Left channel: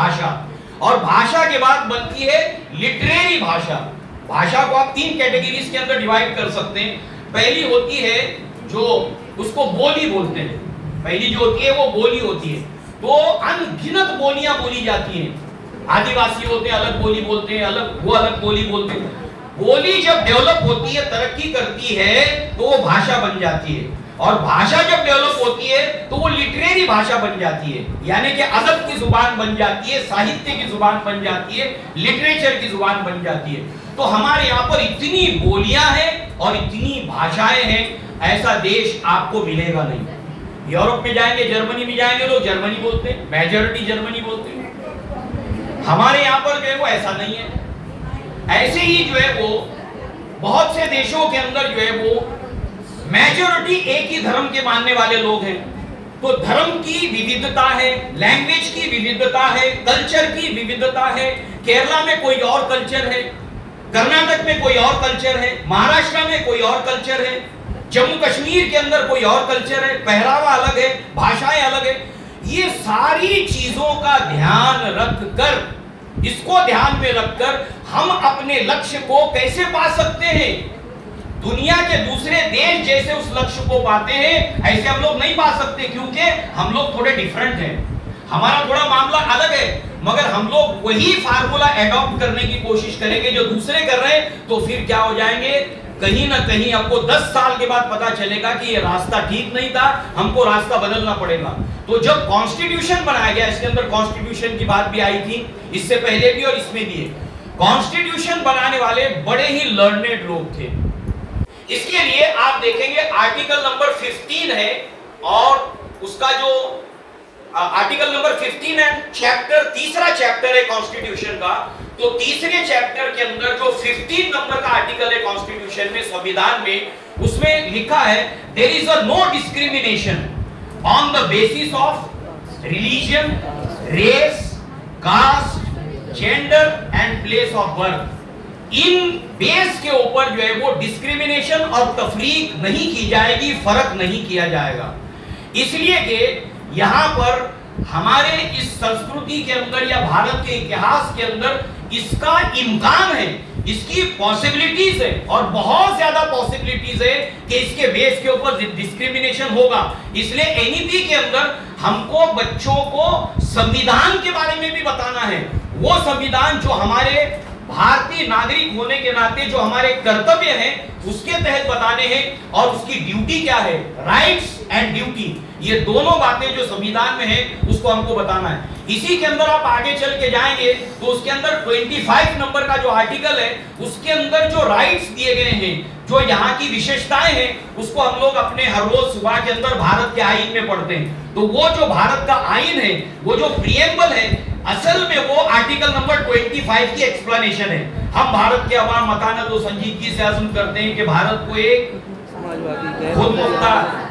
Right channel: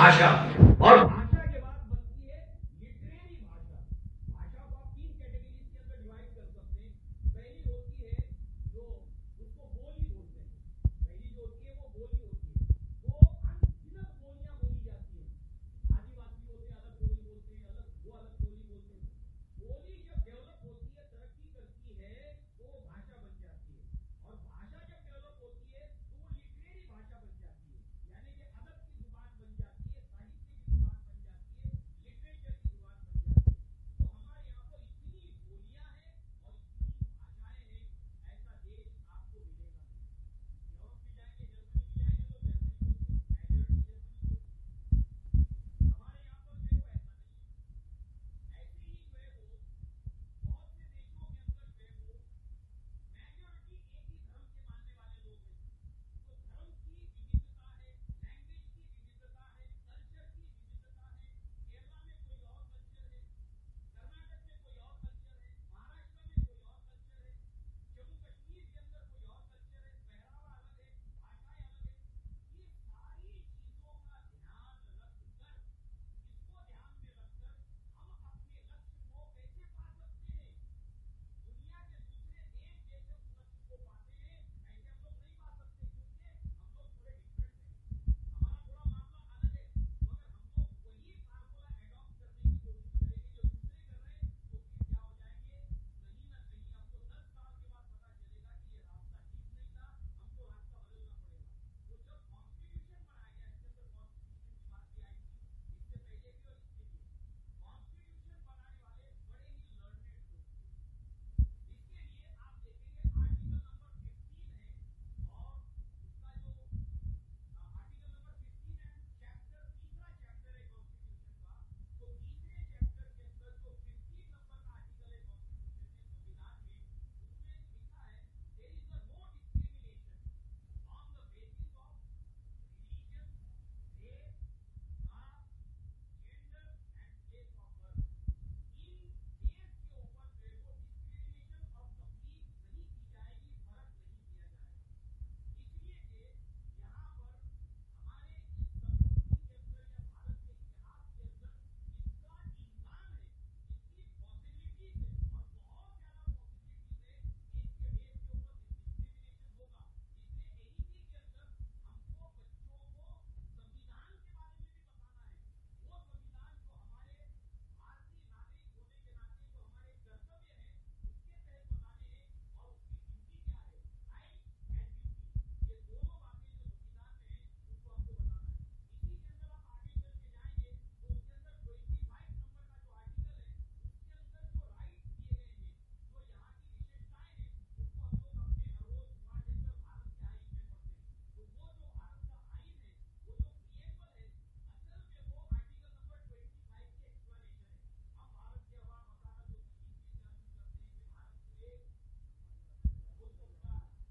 भाषा, और भाषा के बाद बनती है लिटरेरी भाषा। भाषा को आप 3 कैटेगरीज के अंदर डिवाइड कर सकते हैं। पहली होती है जो उसको बोली बोलते हैं, पहली जो होती है वो बोली होती है। तो अनगिनत बोलियां बोली जाती हैं। आदिवासी होते हैं अलग बोली बोलते हैं, अलग बोली बोलते हैं। बोली जब डेवलप होती है, तरक्की करती है, तो वो भाषा बन जाती है। और भाषा जब डेवलप होती है तो वो लिटरेरी भाषा बन जाती है, यानी कि अदब की जुबान बन जाती है, साहित्य की जुबान बन जाती है, लिटरेचर की जुबान बन जाती है। तो हमारे यहाँ पर इतनी बोलियां हैं और इतनी भाषाएं हैं, ऐसा देश आपको मिलेगा नहीं। यूरोप में जाएंगे, जर्मनी में जाएंगे, लोग जर्मनी बोलते हैं, मेजॉरिटी जर्मनी बोलते हैं। हमारे यहाँ पर जो है वो ऐसा नहीं है। ऐसे ही जो है वो बहुत से देशों के अंदर जो है वो मेजॉरिटी एक ही धर्म के मानने वाले लोग हैं। तो धर्म की विविधता है, लैंग्वेज की विविधता है, कल्चर की विविधता है। केरला में कोई और कल्चर है, कर्नाटक में कोई और कल्चर है, महाराष्ट्र में कोई और कल्चर है, जम्मू कश्मीर के अंदर कोई और कल्चर है, पहरावा अलग है, भाषाएं अलग है। ये सारी चीजों का ध्यान रखकर, इसको ध्यान में रखकर हम अपने लक्ष्य को कैसे पा सकते हैं। दुनिया के दूसरे देश जैसे उस लक्ष्य को पाते हैं, ऐसे हम लोग नहीं पा सकते, क्योंकि हम लोग थोड़े डिफरेंट हैं, हमारा थोड़ा मामला अलग है। मगर हम लोग वही फार्मूला एडॉप्ट करने की कोशिश करेंगे जो दूसरे कर रहे हैं, तो फिर क्या हो जाएंगे, कहीं ना कहीं आपको 10 साल के बाद पता चलेगा कि ये रास्ता ठीक नहीं था, हमको रास्ता बदलना पड़ेगा। तो जब कॉन्स्टिट्यूशन बनाया गया, इसके अंदर कॉन्स्टिट्यूशन की बात भी आई थी, इससे पहले भी और इसमें भी। कॉन्स्टिट्यूशन बनाने वाले बड़े ही लर्नेड लोग थे। इसके लिए आप देखेंगे आर्टिकल नंबर 15 है, और उसका जो आर्टिकल नंबर 15 है, चैप्टर, तीसरा चैप्टर है कॉन्स्टिट्यूशन का। तो तीसरे चैप्टर के अंदर जो 15 नंबर का आर्टिकल है कॉन्स्टिट्यूशन में, संविधान में, उसमें लिखा है there is a no discrimination on the basis of religion, race, caste, gender and place of birth. इन बेस के ऊपर जो है वो डिस्क्रिमिनेशन और तफरीक नहीं की जाएगी, फर्क नहीं किया जाएगा। इसलिए कि यहां पर हमारे इस संस्कृति के अंदर या भारत के इतिहास के अंदर इसका इम्कान है, इसकी पॉसिबिलिटीज है, और बहुत ज्यादा पॉसिबिलिटीज है कि इसके बेस के ऊपर डिस्क्रिमिनेशन होगा। इसलिए एनईपी के अंदर हमको बच्चों को संविधान के बारे में भी बताना है। वो संविधान जो हमारे भारतीय नागरिक होने के नाते जो हमारे कर्तव्य हैं उसके तहत बताने हैं, और उसकी ड्यूटी क्या है, राइट्स एंड ड्यूटी, ये दोनों बातें जो संविधान में है उसको हमको बताना है। इसी के अंदर आप आगे चल के जाएंगे तो उसके अंदर 25 नंबर का जो आर्टिकल है, उसके अंदर जो राइट्स दिए गए हैं, जो यहाँ की विशेषताएं हैं, उसको हम लोग अपने हर रोज सुबह के अंदर भारत के आईन में पढ़ते हैं। तो वो जो भारत का आईन है, वो जो प्रिएम्बल है, असल में वो आर्टिकल नंबर 25 की एक्सप्लेनेशन है। हम भारत के अवाम मकानत और संजीदगी से अज़्म करते हैं कि भारत को एक खुद मुख्तार,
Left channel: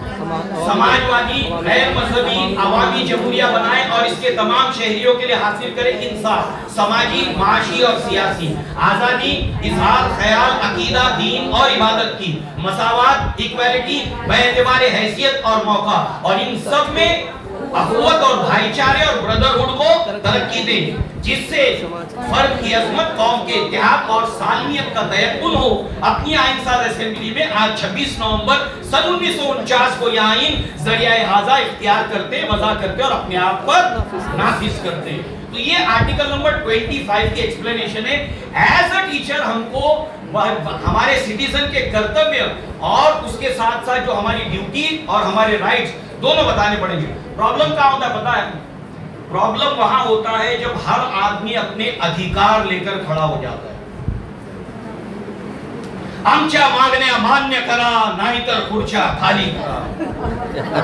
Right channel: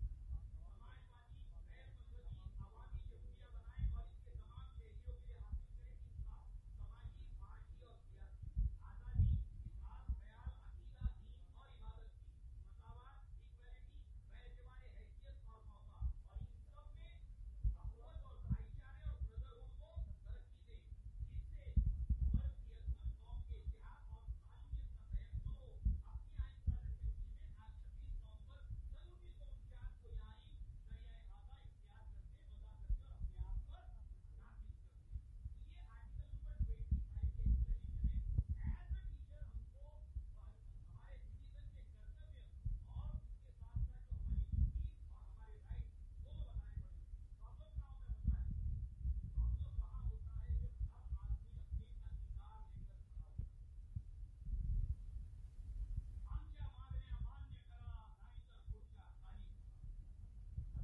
समाजवादी, गैर मजहबी, अवामी जमहूरिया बनाए, और इसके तमाम शहरियों के लिए हासिल करे इंसाफ, समाजी, माशी और सियासी आजादी, इजहार ख्याल, अकीदा, दीन और इबादत की, मसावात, इक्वालिटी, बेएतबार हैसियत और मौका, और इन सब में अखुवत और भाईचारे और ब्रदरहुड को तरक्की दे, जिससे फर्द की अजमत, कौम के इत्तेहाद और सालमियत का तयक्कुन हो। अपनी आइनसाज असेंबली में आज 26 नवंबर सन 1949 को यह आइन जरिया हाजा इख्तियार करते, वज़ा करते और अपने आप पर नाफिज करते हैं। तो ये आर्टिकल नंबर 25 की एक्सप्लेनेशन है। एज अ टीचर हमको हमारे सिटीजन के कर्तव्य और उसके साथ साथ जो हमारी ड्यूटी और हमारे राइट्स दोनों बताने पड़ेंगे। प्रॉब्लम क्या होता है पता है? प्रॉब्लम वहां होता है जब हर आदमी अपने अधिकार लेकर खड़ा हो जाता है। आमच्या मागण्या मान्य करा, नाहीतर खुर्च्या खाली करा।